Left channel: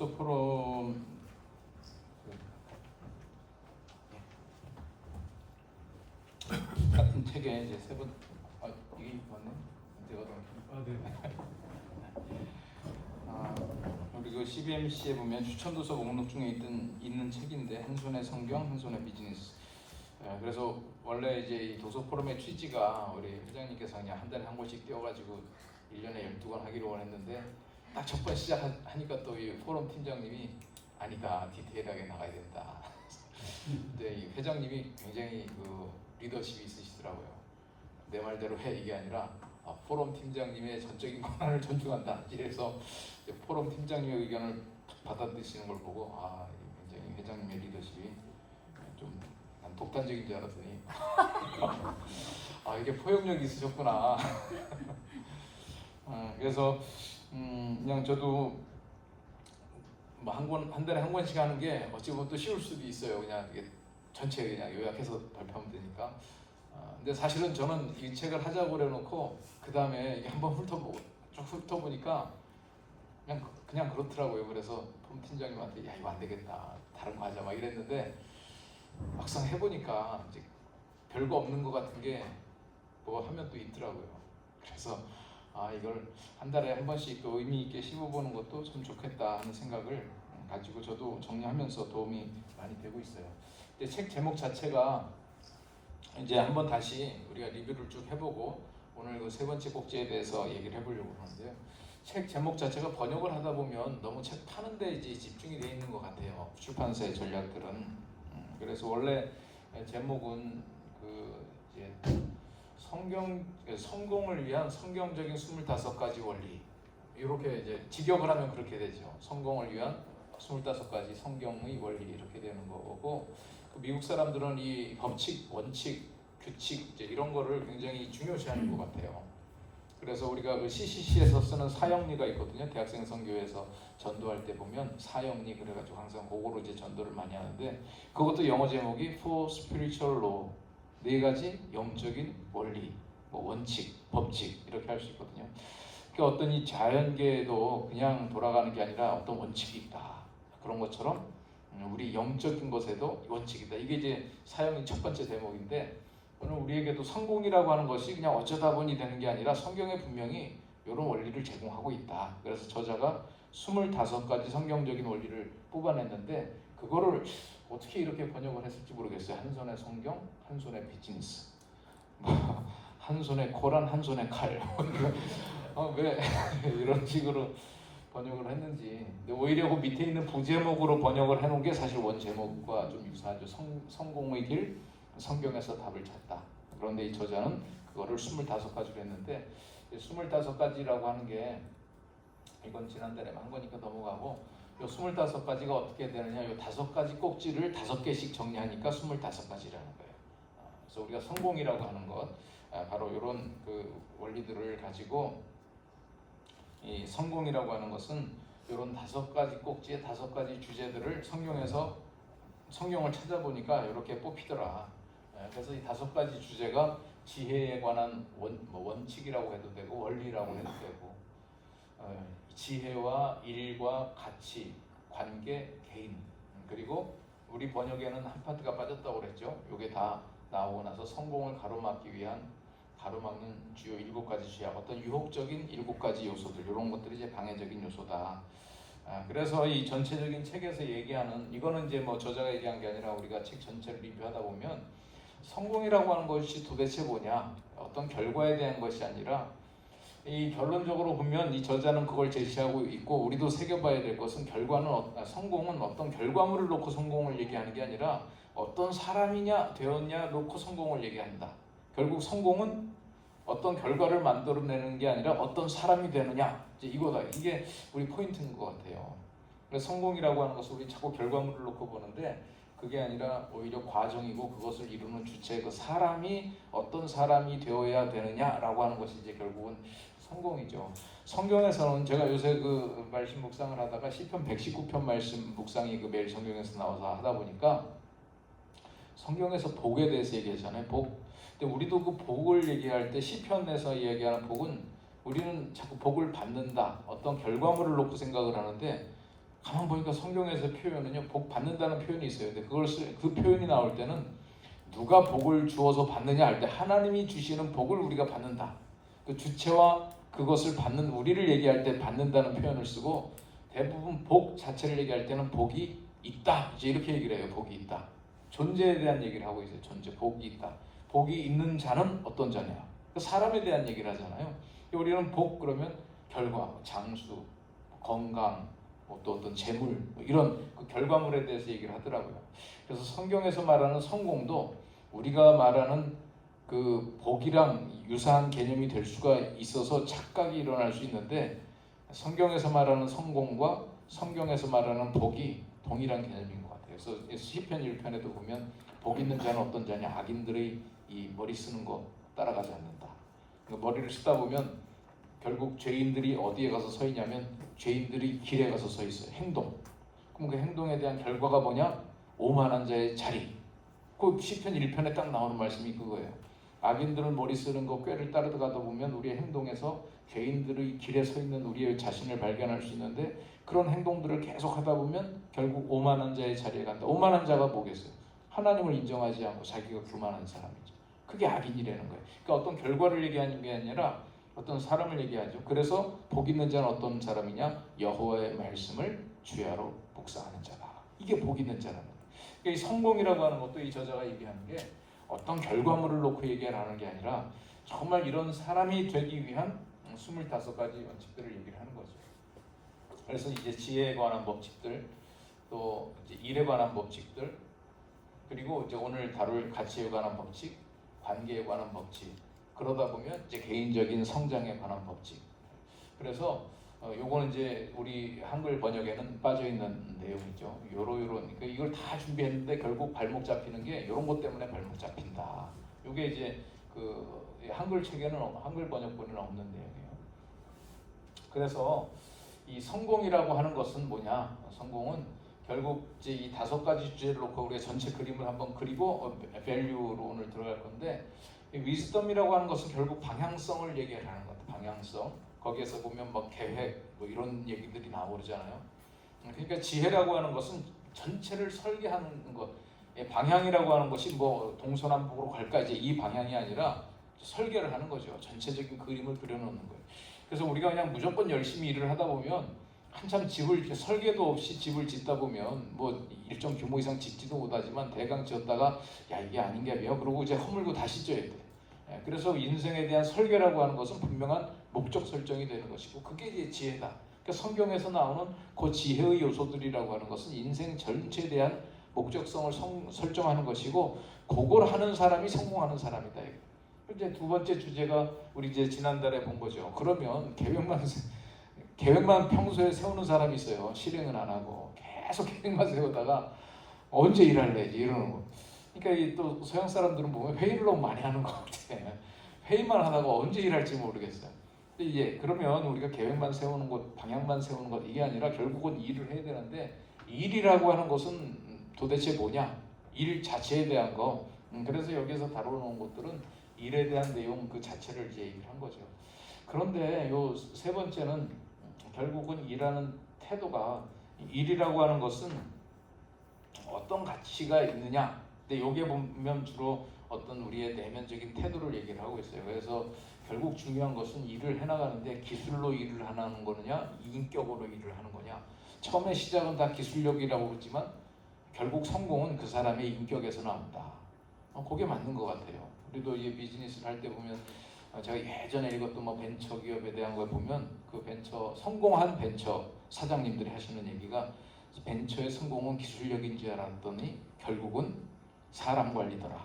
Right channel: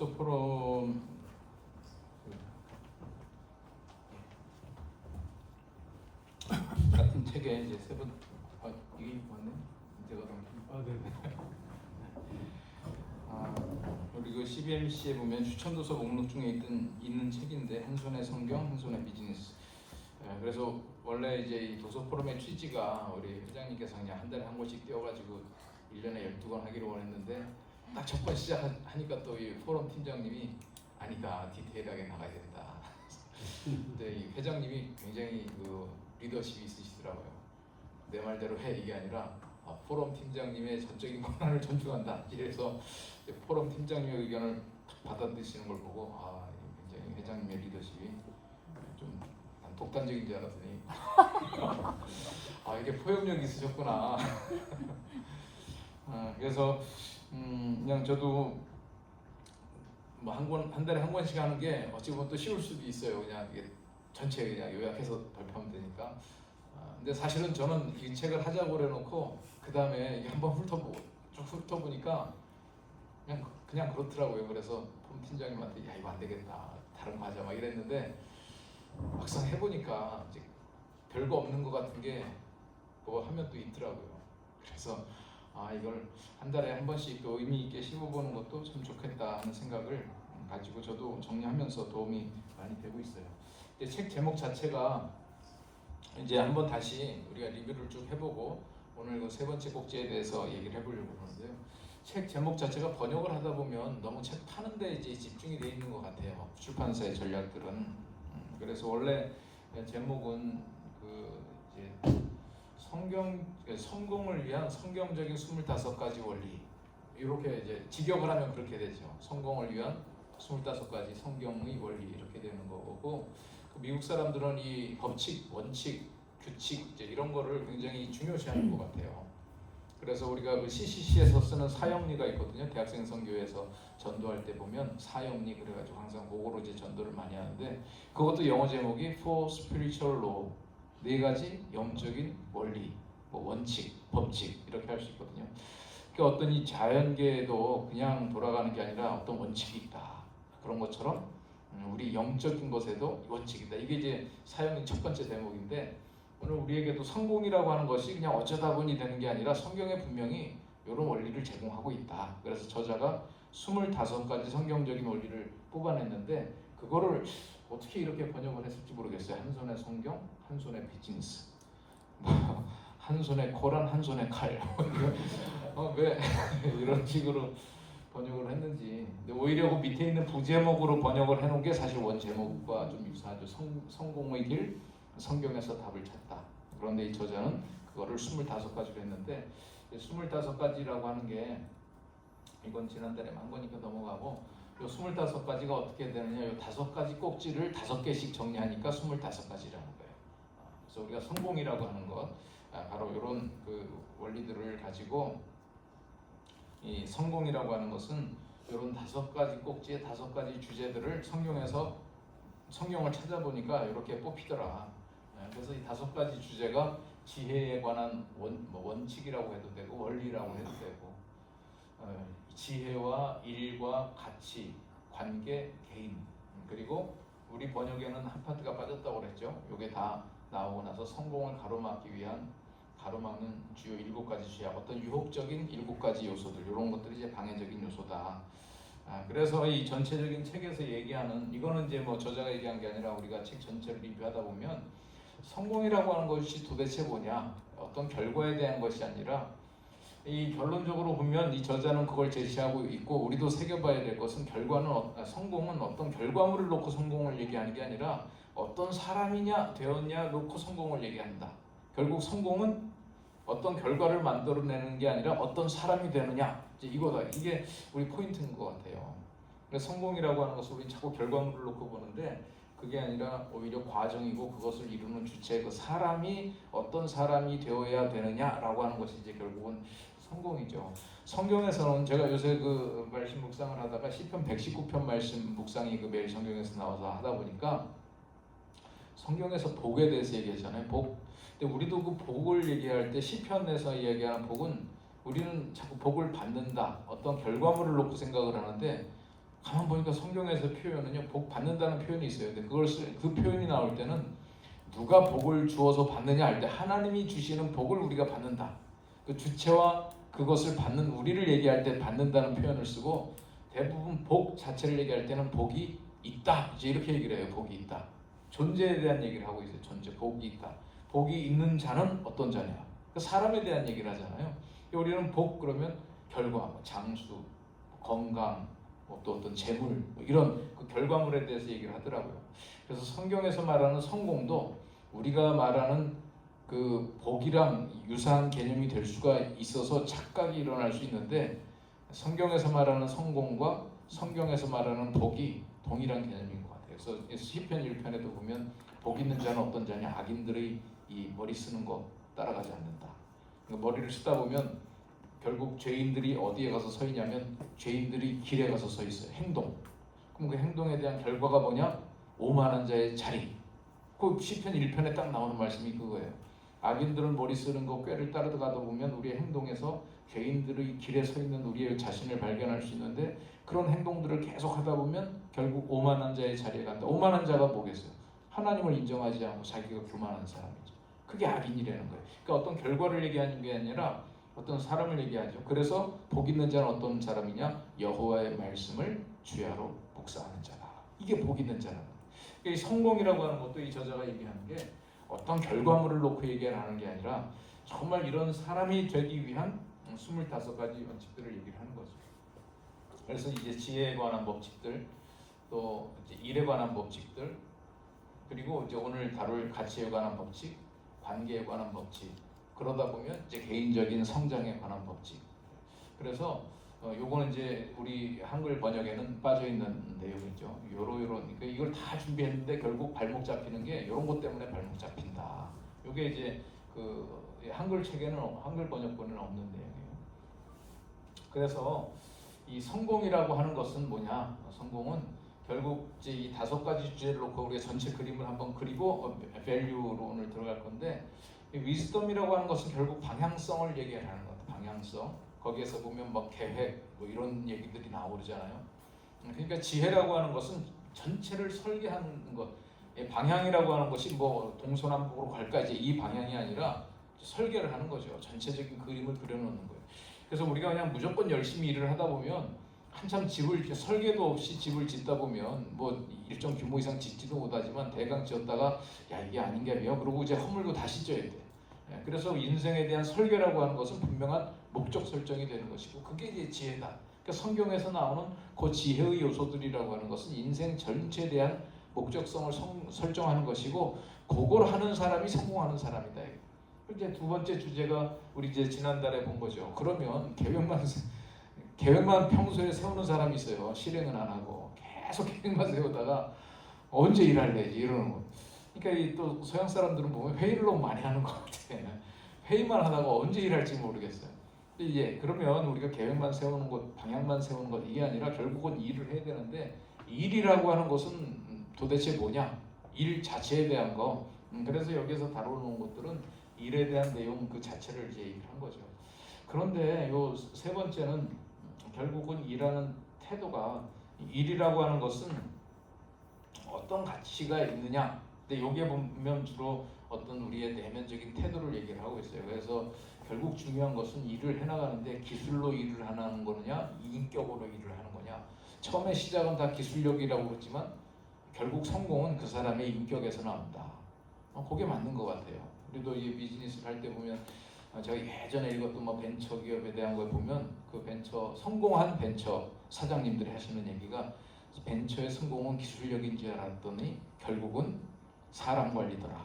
독서 포럼 같은 책에 이제 세 번, 이게 맞네? 제가 네. 우리 그 CBMC에 보면 추천 도서 목록 중에 있는 책인데 한 손에 성경, 한 손에 비즈니스. 그래서 원래 이제 이 도서 포럼의 취지가 우리 회장님께서 그냥 한 달에 한 권씩 띄워가지고 1년에 12권 하기로 원했는데 딱 첫 번 시작하니까 또 이 포럼 팀장님이 아니다, 디테일하게 나가야 된다. 근데 이 회장님이 굉장히 그 리더십이 있으시더라고요. 내 말대로 해 이게 아니라 포럼 팀장님의 전적인 권한을 존중한다. 이래서 포럼 팀장님의 의견을 받아들이시는 걸 보고 굉장히 회장님의 리더십이 좀 난 독단적인 줄 알았더니 이게 포용력이 있으셨구나. 그래서 그냥 저도 뭐 한 달에 한 권씩 하는 게 어찌 보면 또 쉬울 수도 있어요. 그냥 이게 전체 그냥 요약해서 발표하면 되니까. 근데 사실은 저는 이 책을 하자고 그래놓고 그 다음에 이게 한번 쭉 훑어보니까 그냥 그렇더라고요. 그래서 폼 팀장님한테 야 이거 안 되겠다, 다른 거 하자 막 이랬는데 막상 해보니까 이제 별거 없는 것 같은 게 뭐 하면 또 있더라고요. 그래서 이걸 한 달에 한 번씩 또 의미 있게 씹어보는 것도 참 좋겠다 하는 생각을 가지고 저도 정리하면서 도움이 많이 되고 있어요. 근데 책 제목 자체가 이제 한번 다시 우리가 리뷰를 쭉 해보고 오늘 그 세 번째 꼭지에 대해서 얘기를 해보려고 하는데요. 책 제목 자체가 번역을 하다 보면 너무 책 파는 데 이제 집중이 돼 있는 것 같아요. 출판사의 전략들은. 그래서 원래 제목은 그 이제 성공을 위한 성경적인 25가지 원리, 이렇게 이제 직역을 하면 그렇게 되죠. 성공을 위한 25가지 성경의 원리, 이렇게 되는 거고, 미국 사람들은 이 법칙, 원칙, 규칙 이제 이런 거를 굉장히 중요시하는 것 같아요. 그래서 우리가 그 CCC에서 쓰는 사형리가 있거든요. 대학생 선교회에서 전도할 때 보면 사형리 그래가지고 항상 그거로 이제 전도를 많이 하는데, 그것도 영어 제목이 For Spiritual Law, 4가지 영적인 원리, 뭐 원칙, 법칙 이렇게 할 수 있거든요. 그러니까 어떤 이 자연계에도 그냥 돌아가는 게 아니라 어떤 원칙이 있다. 그런 것처럼 우리 영적인 것에도 원칙이다. 이게 이제 사형리 첫 번째 대목인데, 오늘 우리에게도 성공이라고 하는 것이 그냥 어쩌다 보니 되는 게 아니라 성경에 분명히 이런 원리를 제공하고 있다. 그래서 저자가 25가지 성경적인 원리를 뽑아냈는데, 그거를 어떻게 이렇게 번역을 했을지 모르겠어요. 한 손에 성경, 한 손에 비즈니스, 한 손에 코란, 한 손에 칼. 왜 이런 식으로 번역을 했는지. 근데 오히려 그 밑에 있는 부제목으로 번역을 해놓은 게 사실 원 제목과 좀 유사하죠. 성공의 길, 성경에서 답을 찾다. 그런데 이 저자는 그거를 25가지로 했는데, 25가지라고 하는 게 이건 지난달에 한 거니까 넘어가고, 요 25가지가 어떻게 되느냐, 요 5가지 꼭지를 5개씩 정리하니까 25가지라는 거예요. 그래서 우리가 성공이라고 하는 것, 바로 이런 그 원리들을 가지고, 이 성공이라고 하는 것은 이런 5가지 꼭지의 5가지 주제들을 성경을 찾아보니까 이렇게 뽑히더라. 그래서 이 5가지 주제가 지혜에 관한 원칙이라고 해도 되고 원리라고 해도 되고, 지혜와 일과 가치, 관계, 개인, 그리고 우리 번역에는 한 파트가 빠졌다고 그랬죠. 이게 다 나오고 나서 성공을 가로막기 위한 가로막는 주요 7가지 죄악, 어떤 유혹적인 7가지 요소들, 이런 것들이 이제 방해적인 요소다. 그래서 이 전체적인 책에서 얘기하는, 이거는 이제 뭐 저자가 얘기한 게 아니라 우리가 책 전체를 리뷰하다 보면 성공이라고 하는 것이 도대체 뭐냐, 어떤 결과에 대한 것이 아니라, 이 결론적으로 보면 이 저자는 그걸 제시하고 있고, 우리도 새겨봐야 될 것은 성공은 어떤 결과물을 놓고 성공을 얘기하는 게 아니라 어떤 사람이냐 되었냐 놓고 성공을 얘기한다. 결국 성공은 어떤 결과를 만들어내는 게 아니라 어떤 사람이 되느냐, 이제 이거다. 이게 우리 포인트인 것 같아요. 그래서 성공이라고 하는 것을 우리 자꾸 결과물을 놓고 보는데, 그게 아니라 오히려 과정이고 그것을 이루는 주체, 그 사람이 어떤 사람이 되어야 되느냐라고 하는 것이 이제 결국은 성공이죠. 성경에서는 제가 요새 그 말씀 묵상을 하다가 시편 119편 말씀 묵상이 그 매일 성경에서 나와서 하다 보니까 성경에서 복에 대해서 얘기하잖아요. 복. 근데 우리도 그 복을 얘기할 때 시편에서 얘기하는 복은 우리는 자꾸 복을 받는다, 어떤 결과물을 놓고 생각을 하는데, 가만 보니까 성경에서 표현은요, 복 받는다는 표현이 있어요. 근데 그 표현이 나올 때는 누가 복을 주어서 받느냐 할 때 하나님이 주시는 복을 우리가 받는다. 그 주체와 그것을 받는 우리를 얘기할 때 받는다는 표현을 쓰고, 대부분 복 자체를 얘기할 때는 복이 있다, 이제 이렇게 얘기를 해요. 복이 있다. 존재에 대한 얘기를 하고 있어요. 존재, 복이 있다. 복이 있는 자는 어떤 자냐? 그 사람에 대한 얘기를 하잖아요. 우리는 복 그러면 결과, 장수, 건강, 또 어떤 재물, 이런 그 결과물에 대해서 얘기를 하더라고요. 그래서 성경에서 말하는 성공도 우리가 말하는 그 복이랑 유사한 개념이 될 수가 있어서 착각이 일어날 수 있는데, 성경에서 말하는 성공과 성경에서 말하는 복이 동일한 개념인 것 같아요. 그래서 시편 1편에도 보면 복 있는 자는 어떤 자냐, 악인들의 이 머리 쓰는 거 따라가지 않는다. 머리를 쓰다 보면 결국 죄인들이 어디에 가서 서 있냐면 죄인들이 길에 가서 서 있어요. 행동. 그럼 그 행동에 대한 결과가 뭐냐? 오만한 자의 자리. 그 시편 1편에 딱 나오는 말씀이 그거예요. 악인들은 머리 쓰는 거 꾀를 따르다가 보면 우리의 행동에서 죄인들의 길에 서 있는 우리의 자신을 발견할 수 있는데, 그런 행동들을 계속 하다 보면 결국 오만한 자의 자리에 간다. 오만한 자가 뭐겠어요? 하나님을 인정하지 않고 자기가 교만한 사람이죠. 그게 악인이라는 거예요. 그러니까 어떤 결과를 얘기하는 게 아니라 어떤 사람을 얘기하죠. 그래서 복 있는 자는 어떤 사람이냐? 여호와의 말씀을 주야로 묵상하는 자다. 이게 복 있는 자라는 거예요. 그러니까 이 성공이라고 하는 것도 이 저자가 얘기하는 게 어떤 결과물을 놓고 얘기하는 게 아니라 정말 이런 사람이 되기 위한 25가지 원칙들을 얘기를 하는 거죠. 그래서 이제 지혜에 관한 법칙들, 또 이제 일에 관한 법칙들, 그리고 이제 오늘 다룰 가치에 관한 법칙, 관계에 관한 법칙, 그러다 보면 이제 개인적인 성장에 관한 법칙. 그래서 요거는 이제 우리 한글 번역에는 빠져 있는 내용이죠. 그러니까 이걸 다 준비했는데 결국 발목 잡히는 게 이런 것 때문에 발목 잡힌다. 요게 이제 그 한글 책에는, 한글 번역본에는 없는 내용이에요. 그래서 이 성공이라고 하는 것은 뭐냐? 성공은 결국 이제 이 5가지 주제를 놓고 우리가 전체 그림을 한번 그리고 밸류로 오늘 들어갈 건데, 위즈덤이라고 하는 것은 결국 방향성을 얘기하는 것 같아요. 방향성. 거기에서 보면 뭐 계획, 뭐 이런 얘기들이 나오잖아요. 그러니까 지혜라고 하는 것은 전체를 설계하는 것. 방향이라고 하는 것이 뭐 동서남북으로 갈까, 이제 이 방향이 아니라 설계를 하는 거죠. 전체적인 그림을 그려놓는 거예요. 그래서 우리가 그냥 무조건 열심히 일을 하다 보면 한참 집을 설계도 없이 집을 짓다 보면 뭐 일정 규모 이상 짓지도 못하지만 대강 지었다가 야 이게 아닌 게 아니에요. 그러고 이제 허물고 다시 져야 돼. 그래서 인생에 대한 설계라고 하는 것은 분명한 목적 설정이 되는 것이고, 그게 이제 지혜다. 그러니까 성경에서 나오는 그 지혜의 요소들이라고 하는 것은 인생 전체에 대한 목적성을 설정하는 것이고, 그걸 하는 사람이 성공하는 사람이다. 이제 두 번째 주제가 우리 이제 지난달에 본 거죠. 그러면 계획만 평소에 세우는 사람이 있어요. 실행은 안 하고 계속 계획만 세우다가 언제 일할래 이러는 거. 그러니까 또 서양 사람들은 보면 회의를 너무 많이 하는 것 같아. 회의만 하다가 언제 일할지 모르겠어요. 근데 이제 그러면 우리가 계획만 세우는 것, 방향만 세우는 것, 이게 아니라 결국은 일을 해야 되는데, 일이라고 하는 것은 도대체 뭐냐? 일 자체에 대한 거. 그래서 여기서 다뤄놓은 것들은 일에 대한 내용 그 자체를 이제 얘기를 한 거죠. 그런데 요 세 번째는 결국은 일하는 태도가, 일이라고 하는 것은 어떤 가치가 있느냐. 근데 요게 보면 주로 어떤 우리의 내면적인 태도를 얘기를 하고 있어요. 그래서 결국 중요한 것은 일을 해나가는데 기술로 일을 하는 거냐, 인격으로 일을 하는 거냐. 처음에 시작은 다 기술력이라고 그랬지만 결국 성공은 그 사람의 인격에서 나온다. 그게 맞는 것 같아요. 우리도 이 비즈니스를 할 때 보면 제가 예전에 읽었던 뭐 벤처 기업에 대한 걸 보면 그 벤처 성공한 벤처 사장님들이 하시는 얘기가, 벤처의 성공은 기술력인 줄 알았더니 결국은 사람 관리더라.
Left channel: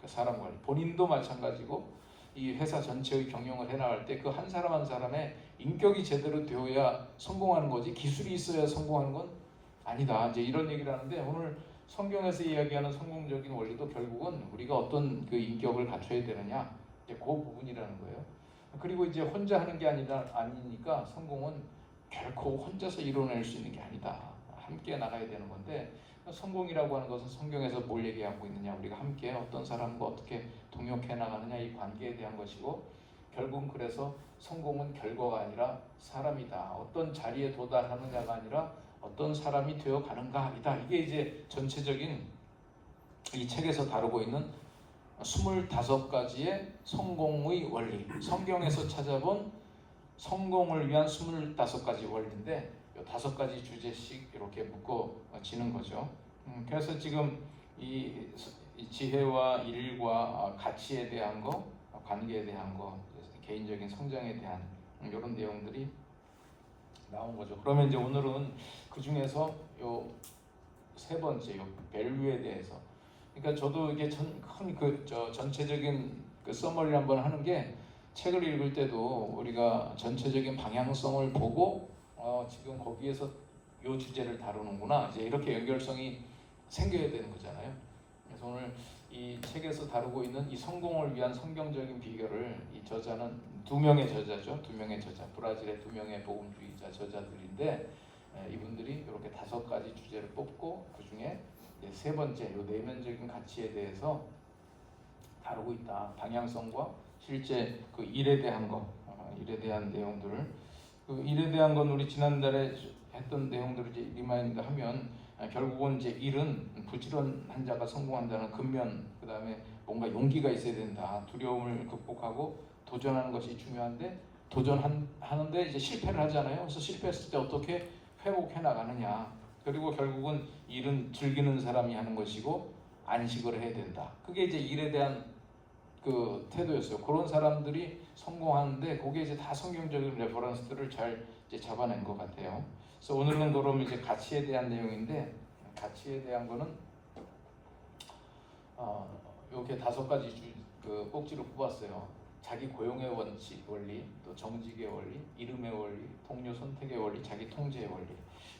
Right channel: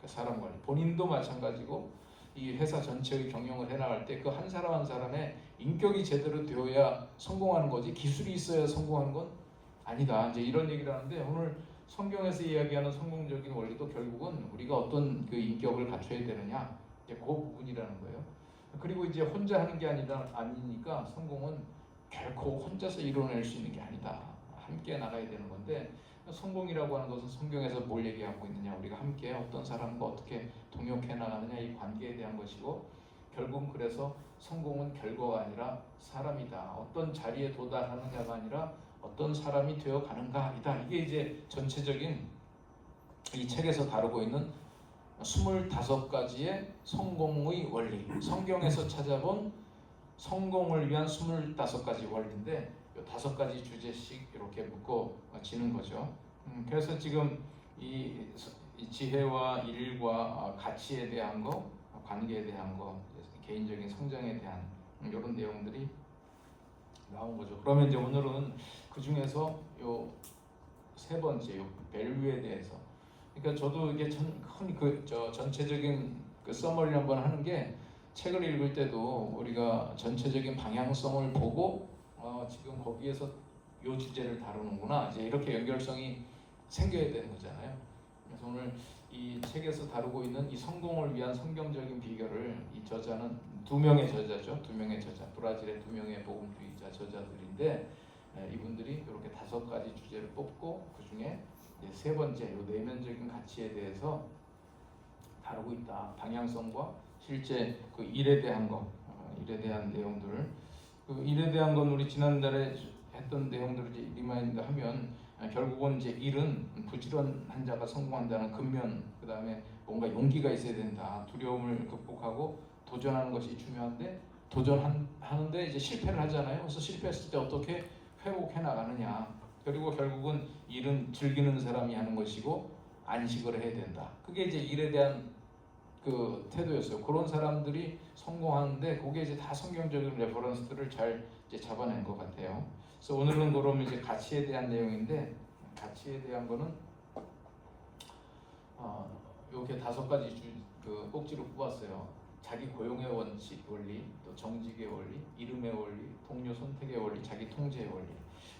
그 사람 관리. 본인도 마찬가지고 이 회사 전체의 경영을 해나갈 때 그 한 사람 한 사람의 인격이 제대로 되어야 성공하는 거지, 기술이 있어야 성공하는 건 아니다. 이제 이런 얘기를 하는데, 오늘 성경에서 이야기하는 성공적인 원리도 결국은 우리가 어떤 그 인격을 갖춰야 되느냐, 이제 그 부분이라는 거예요. 그리고 이제 혼자 하는 게 아니니까 성공은 결코 혼자서 이뤄낼 수 있는 게 아니다. 함께 나가야 되는 건데, 성공이라고 하는 것은 성경에서 뭘 얘기하고 있느냐, 우리가 함께 어떤 사람과 어떻게 동역해 나가느냐, 이 관계에 대한 것이고, 결국은 그래서 성공은 결과가 아니라 사람이다. 어떤 자리에 도달하느냐가 아니라 어떤 사람이 되어 가는가이다. 이게 이제 전체적인 이 책에서 다루고 있는 25가지의 성공의 원리, 성경에서 찾아본 성공을 위한 25가지 원리인데 이 5가지 주제씩 이렇게 묶어지는 거죠. 그래서 지금 이 지혜와 일과 가치에 대한 거, 관계에 대한 거, 개인적인 성장에 대한 이런 내용들이 나온 거죠. 그러면 이제 오늘은 그 중에서 요 세 번째, 요 밸류에 대해서. 그러니까 저도 이게 전체적인 그 서머리를 한번 하는 게 책을 읽을 때도 우리가 전체적인 방향성을 보고 지금 거기에서 요 주제를 다루는구나 이제 이렇게 연결성이 생겨야 되는 거잖아요. 그래서 오늘 이 책에서 다루고 있는 이 성공을 위한 성경적인 비결을 이 저자는 두 명의 저자죠. 두 명의 저자, 브라질의 두 명의 복음주의자 저자들인데 이분들이 이렇게 5가지 주제를 뽑고 그 중에 세 번째, 요 내면적인 가치에 대해서 다루고 있다. 방향성과 실제 그 일에 대한 거, 일에 대한 내용들을 그 일에 대한 건 우리 지난달에 했던 내용들을 이제 리마인드 하면 결국은 이제 일은 부지런한 자가 성공한다는 근면, 그 다음에 뭔가 용기가 있어야 된다. 두려움을 극복하고 도전하는 것이 중요한데 도전하는데 이제 실패를 하잖아요. 그래서 실패했을 때 어떻게 회복해 나가느냐. 그리고 결국은 일은 즐기는 사람이 하는 것이고 안식을 해야 된다. 그게 이제 일에 대한 그 태도였어요. 그런 사람들이 성공하는데 그게 이제 다 성경적인 레퍼런스들을 잘 이제 잡아낸 것 같아요. 그래서 오늘은 그럼 이제 가치에 대한 내용인데 가치에 대한 거는 이렇게 5가지 그 꼭지로 뽑았어요. 자기 고용의 원칙 원리, 또 정직의 원리, 이름의 원리, 동료 선택의 원리, 자기 통제의 원리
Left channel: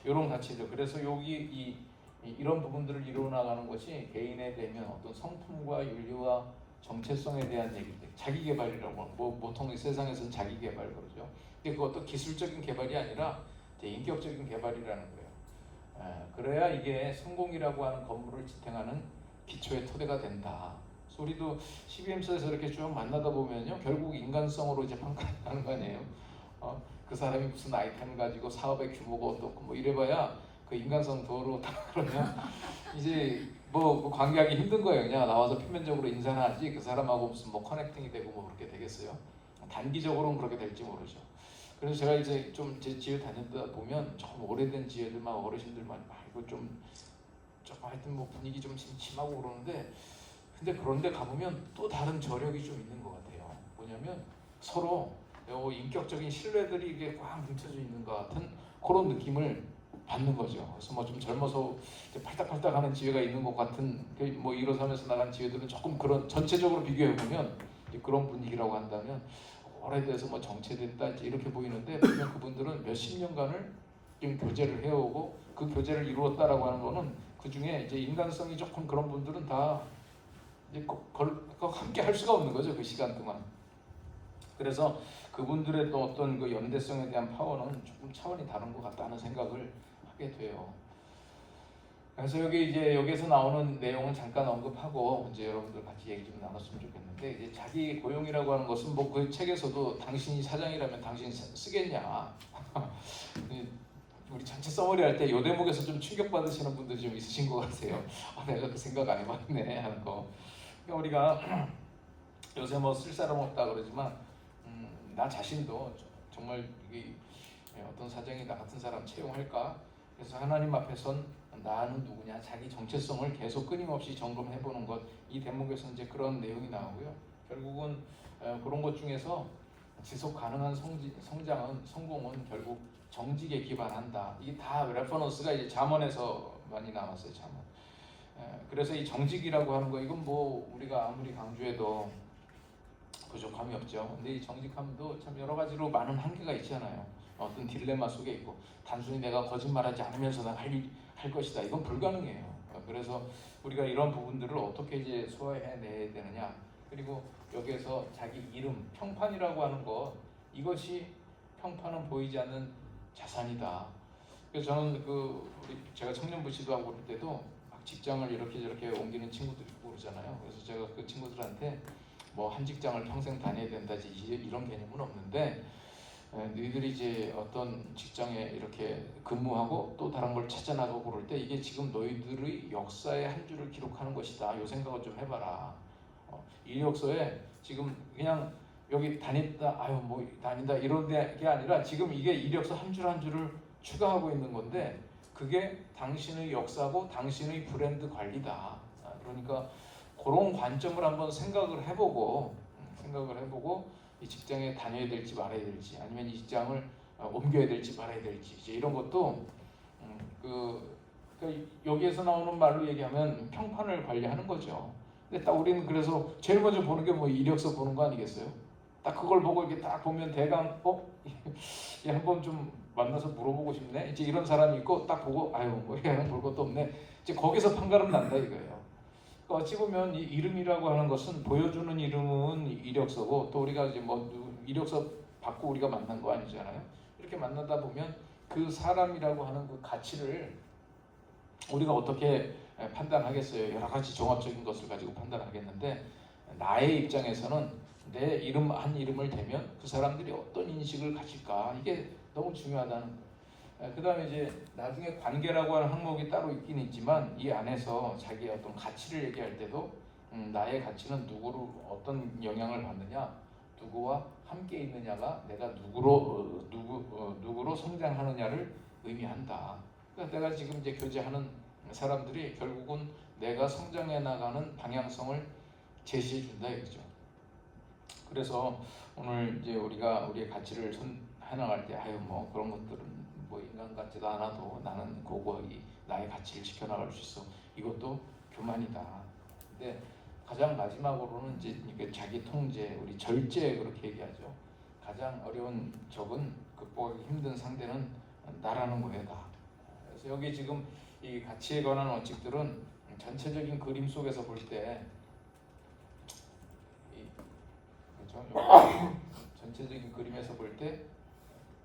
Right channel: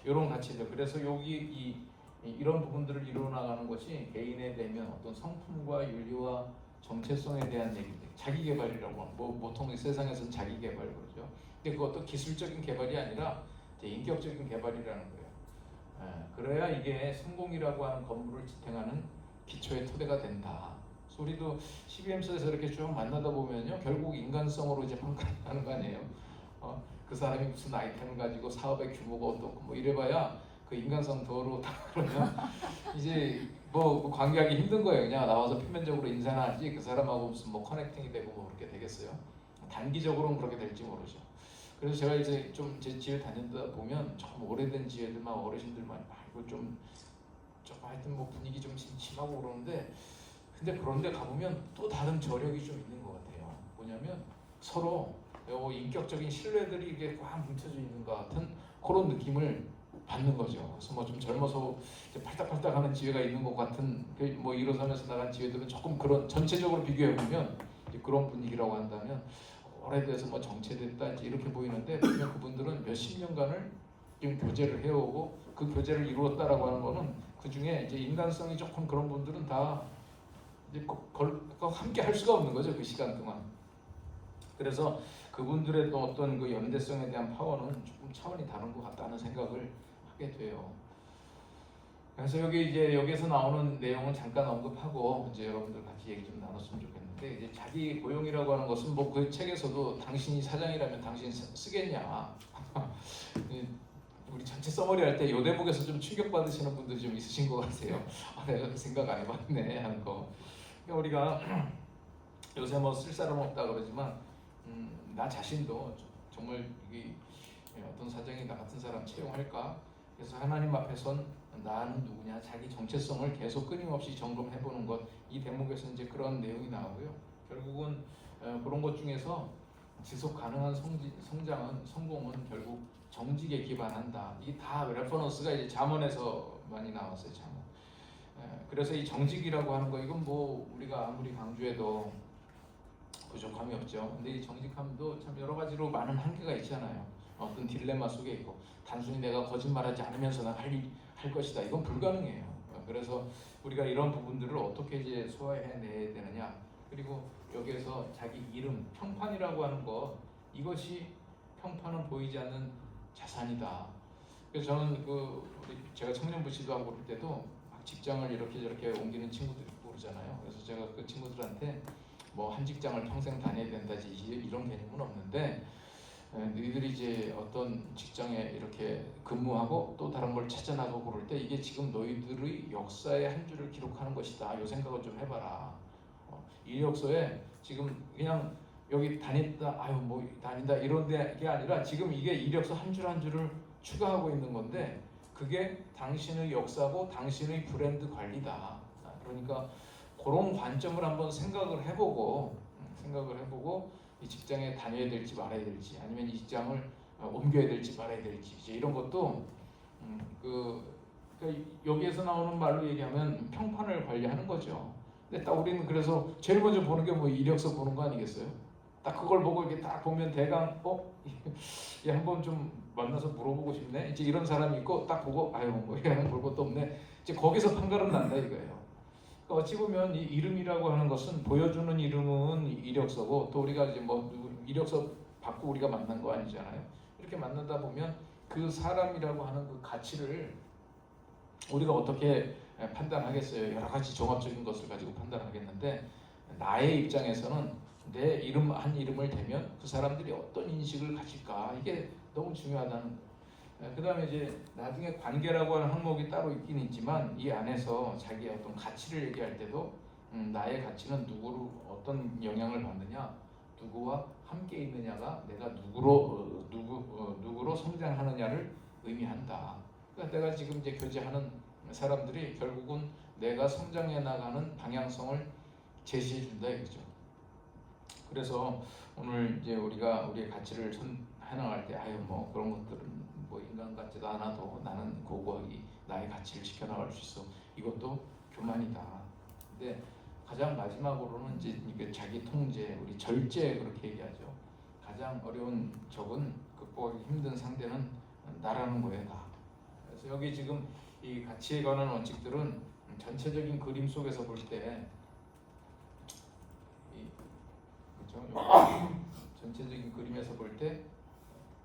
이런 가치들. 그래서 여기 이런 부분들을 이루어 나가는 것이 개인에 대면 어떤 성품과 윤리와 정체성에 대한 얘기들, 자기 개발이라고 뭐 보통 세상에서는 자기 개발 그러죠. 근데 그것도 기술적인 개발이 아니라 인격적인 개발이라는 거예요. 그래야 이게 성공이라고 하는 건물을 지탱하는 기초의 토대가 된다. 우리도 CBM에서 이렇게 쭉 만나다 보면요, 결국 인간성으로 이제 평가하는 거 아니에요. 그 사람이 무슨 아이템을 가지고 사업의 규모가 어떻고 뭐 이래봐야 그 인간성 도로다 그러면 이제 뭐 관계하기 힘든 거예요. 그냥 나와서 표면적으로 인사는 하지 그 사람하고 무슨 뭐 커넥팅이 되고 뭐 그렇게 되겠어요. 단기적으로는 그렇게 될지 모르죠. 그래서 제가 이제 좀 제 지회 다니다 보면 좀 오래된 지회들만 어르신들만 이거 좀 하여튼 뭐 분위기 좀 심하고 그러는데 근데 그런데 가보면 또 다른 저력이 좀 있는 것 같아요. 뭐냐면 서로 인격적인 신뢰들이 이게 꽉 뭉쳐져 있는 것 같은 그런 느낌을 받는 거죠. 그래서 뭐 좀 젊어서 이제 팔딱팔딱 하는 지회가 있는 것 같은 뭐 1호삼에서 나간 지회들은 조금 그런 전체적으로 비교해 보면 그런 분위기라고 한다면 오래돼서 뭐 정체됐다 이렇게 보이는데 보면 그분들은 몇십 년간을 지금 교제를 해오고 그 교제를 이루었다라고 하는 거는 그 중에 이제 인간성이 조금 그런 분들은 다 이제 함께 할 수가 없는 거죠. 그 시간 동안. 그래서 그분들의 또 어떤 그 연대성에 대한 파워는 조금 차원이 다른 것 같다는 생각을 하게 돼요. 그래서 여기서 나오는 내용은 잠깐 언급하고 이제 여러분들 같이 얘기 좀 나눴으면 좋겠는데 이제 자기 고용이라고 하는 것은 뭐 그 책에서도 당신이 사장이라면 당신 쓰겠냐. 우리 전체 서머리 할 때 이 대목에서 좀 충격 받으시는 분들이 좀 있으신 것 같아요. 내가 그 생각 안 해봤네 하는 거. 그러니까 우리가 요새 뭐 쓸 사람 없다 그러지만 나 자신도 정말 이게 어떤 사장이 나 같은 사람 채용할까? 그래서 하나님 앞에선 나는 누구냐? 자기 정체성을 계속 끊임없이 점검해보는 것. 이 대목에서 이제 그런 내용이 나오고요. 결국은 그런 것 중에서 지속 가능한 성공은 결국 정직에 기반한다. 이게 다 레퍼런스가 이제 잠언에서 많이 나왔어요. 잠언. 그래서 이 정직이라고 하는 거 이건 뭐 우리가 아무리 강조해도 부족함이 없죠. 근데 이 정직함도 참 여러 가지로 많은 한계가 있잖아요. 어떤 딜레마 속에 있고 단순히 내가 거짓말하지 않으면서 할 것이다. 이건 불가능해요. 그래서 우리가 이런 부분들을 어떻게 이제 소화해내야 되느냐. 그리고 여기에서 자기 이름, 평판이라고 하는 것 이것이 평판은 보이지 않는 자산이다. 그래서 저는 제가 청년부 지도하고 그럴 때도 막 직장을 이렇게 저렇게 옮기는 친구들이 있고 그러잖아요. 그래서 제가 그 친구들한테 뭐 한 직장을 평생 다녀야 된다지 이런 개념은 없는데 너희들이 이제 어떤 직장에 이렇게 근무하고 또 다른 걸 찾아나가고 그럴 때 이게 지금 너희들의 역사의 한 줄을 기록하는 것이다. 이 생각을 좀 해봐라. 이력서에 지금 그냥 여기 다녔다, 아유 뭐 다닌다 이런 게 아니라 지금 이게 이력서 한 줄 한 줄을 추가하고 있는 건데 그게 당신의 역사고 당신의 브랜드 관리다. 그러니까 그런 관점을 한번 생각을 해보고 이 직장에 다녀야 될지 말아야 될지 아니면 이 직장을 옮겨야 될지 말아야 될지 이제 이런 것도 여기에서 나오는 말로 얘기하면 평판을 관리하는 거죠. 근데 딱 우리는 그래서 제일 먼저 보는 게 뭐 이력서 보는 거 아니겠어요? 딱 그걸 보고 이렇게 딱 보면 대강 얘 한번 좀 만나서 물어보고 싶네. 이제 이런 사람이 있고 딱 보고 아유 뭐 얘는 볼 것도 없네. 이제 거기서 판가름 난다 이거예요. 그러니까 어찌 보면 이 이름이라고 하는 것은 보여주는 이름은 이력서고 또 우리가 이제 뭐 이력서 받고 우리가 만난 거 아니잖아요. 이렇게 만나다 보면 그 사람이라고 하는 그 가치를 우리가 어떻게 판단하겠어요? 여러 가지 종합적인 것을 가지고 판단하겠는데 나의 입장에서는 내 이름 한 이름을 대면 그 사람들이 어떤 인식을 가질까 이게 너무 중요하다는. 그 다음에 이제 나중에 관계라고 하는 항목이 따로 있긴 있지만 이 안에서 자기의 어떤 가치를 얘기할 때도 나의 가치는 누구로 어떤 영향을 받느냐, 누구와 함께 있느냐가 내가 누구로 성장하느냐를 의미한다. 그러니까 내가 지금 이제 교제하는 사람들이 결국은 내가 성장해 나가는 방향성을 제시해 준다 이거죠. 그래서 오늘 이제 우리가 우리의 가치를 해나갈 때 아유 뭐 그런 것들은 뭐 인간 같지도 않아도 나는 고고하게 나의 가치를 지켜나갈 수 있어. 이것도 교만이다. 근데 가장 마지막으로는 이제 이게 자기 통제, 우리 절제 그렇게 얘기하죠. 가장 어려운 적은 극복하기 힘든 상대는 나라는 거예요, 나. 그래서 여기 지금 이 가치에 관한 원칙들은 전체적인 그림 속에서 볼 때, 그렇죠? 전체적인 그림에서 볼 때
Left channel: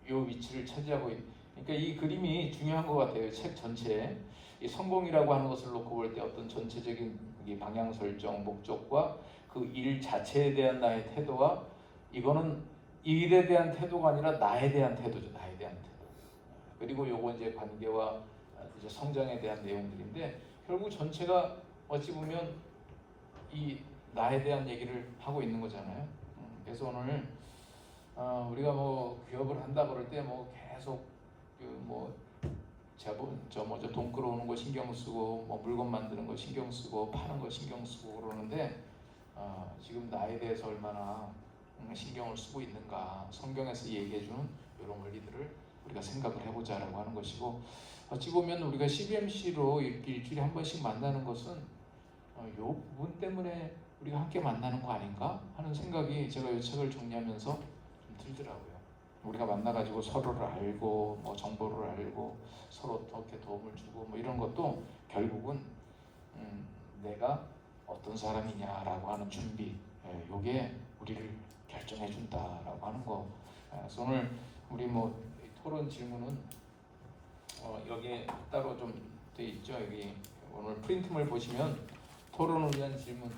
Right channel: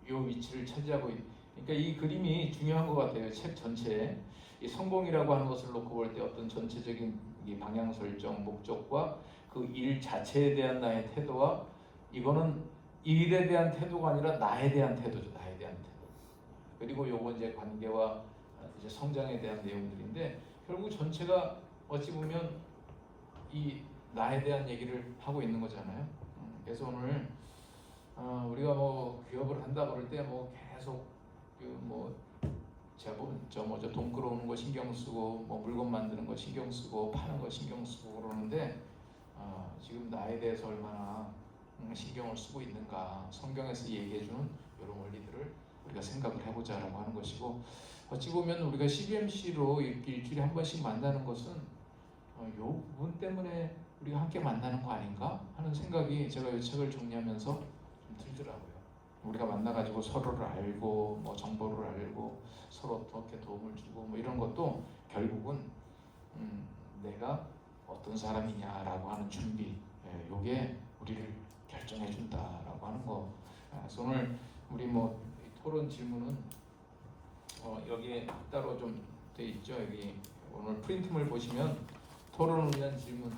이 위치를 차지하고 그러니까 이 그림이 중요한 것 같아요. 책 전체에 이 성공이라고 하는 것을 놓고 볼 때 어떤 전체적인 이 방향 설정, 목적과 그 일 자체에 대한 나의 태도와 이거는 일에 대한 태도가 아니라 나에 대한 태도죠. 나에 대한 태도. 그리고 요거 이제 관계와 이제 성장에 대한 내용들인데 결국 전체가 어찌 보면 이 나에 대한 얘기를 하고 있는 거잖아요. 그래서 오늘 우리가 뭐 기업을 한다 그럴 때 뭐 계속 그뭐 돈 끌어오는 거 신경 쓰고 뭐 물건 만드는 거 신경 쓰고 파는 거 신경 쓰고 그러는데 지금 나에 대해서 얼마나 신경을 쓰고 있는가 성경에서 얘기해주는 이런 원리들을 우리가 생각을 해보자라고 하는 것이고 어찌 보면 우리가 CBMC로 일주일에 한 번씩 만나는 것은 요 부분 때문에 우리가 함께 만나는 거 아닌가 하는 생각이 제가 이 책을 정리하면서 좀 들더라고요. 우리가 만나가지고 서로를 알고 뭐 정보를 알고 서로 어떻게 도움을 주고 뭐 이런 것도 결국은 내가 어떤 사람이냐라고 하는 준비, 요게 우리를 결정해 준다라고 하는 거. 그래서 오늘 우리 뭐 토론 질문은 여기에 따로 좀 돼 있죠. 여기 오늘 프린트물 보시면 토론을 위한 질문.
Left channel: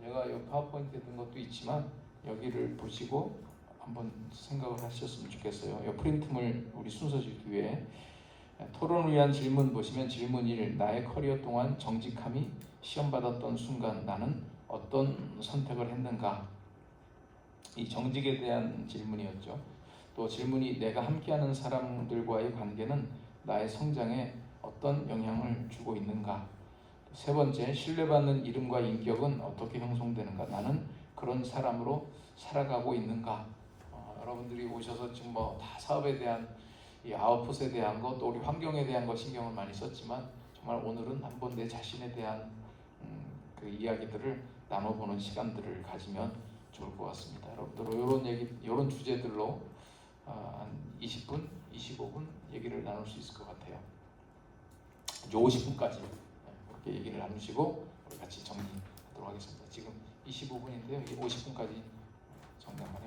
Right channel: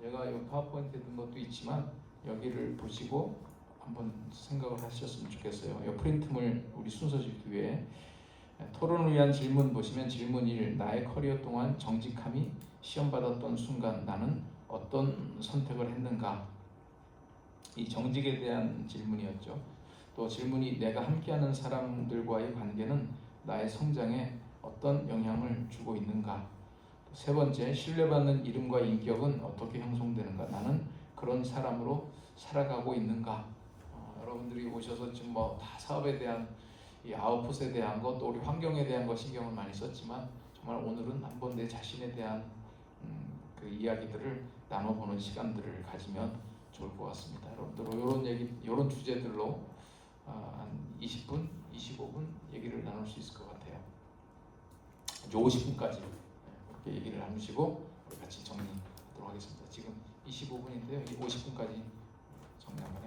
제가 이 파워포인트에 든 것도 있지만 여기를 보시고 한번 생각을 하셨으면 좋겠어요. 이 프린트물 우리 순서지 뒤에 토론을 위한 질문 보시면 질문 1. 나의 커리어 동안 정직함이 시험받았던 순간 나는 어떤 선택을 했는가? 이 정직에 대한 질문이었죠. 또 질문이 내가 함께하는 사람들과의 관계는 나의 성장에 어떤 영향을 주고 있는가? 세 번째, 신뢰받는 이름과 인격은 어떻게 형성되는가? 나는 그런 사람으로 살아가고 있는가? 여러분들이 오셔서 지금 뭐 다 사업에 대한 이 아웃풋에 대한 것, 또 우리 환경에 대한 것 신경을 많이 썼지만 정말 오늘은 한번 내 자신에 대한 그 이야기들을 나눠보는 시간들을 가지면 좋을 것 같습니다. 여러분들 이런 얘기, 이런 주제들로 한 20분, 25분 얘기를 나눌 수 있을 것 같아요. 이제 50분까지 이렇게 얘기를 나누시고 우리 같이 정리하도록 하겠습니다. 지금 25분인데요. 50분까지 정리합니다.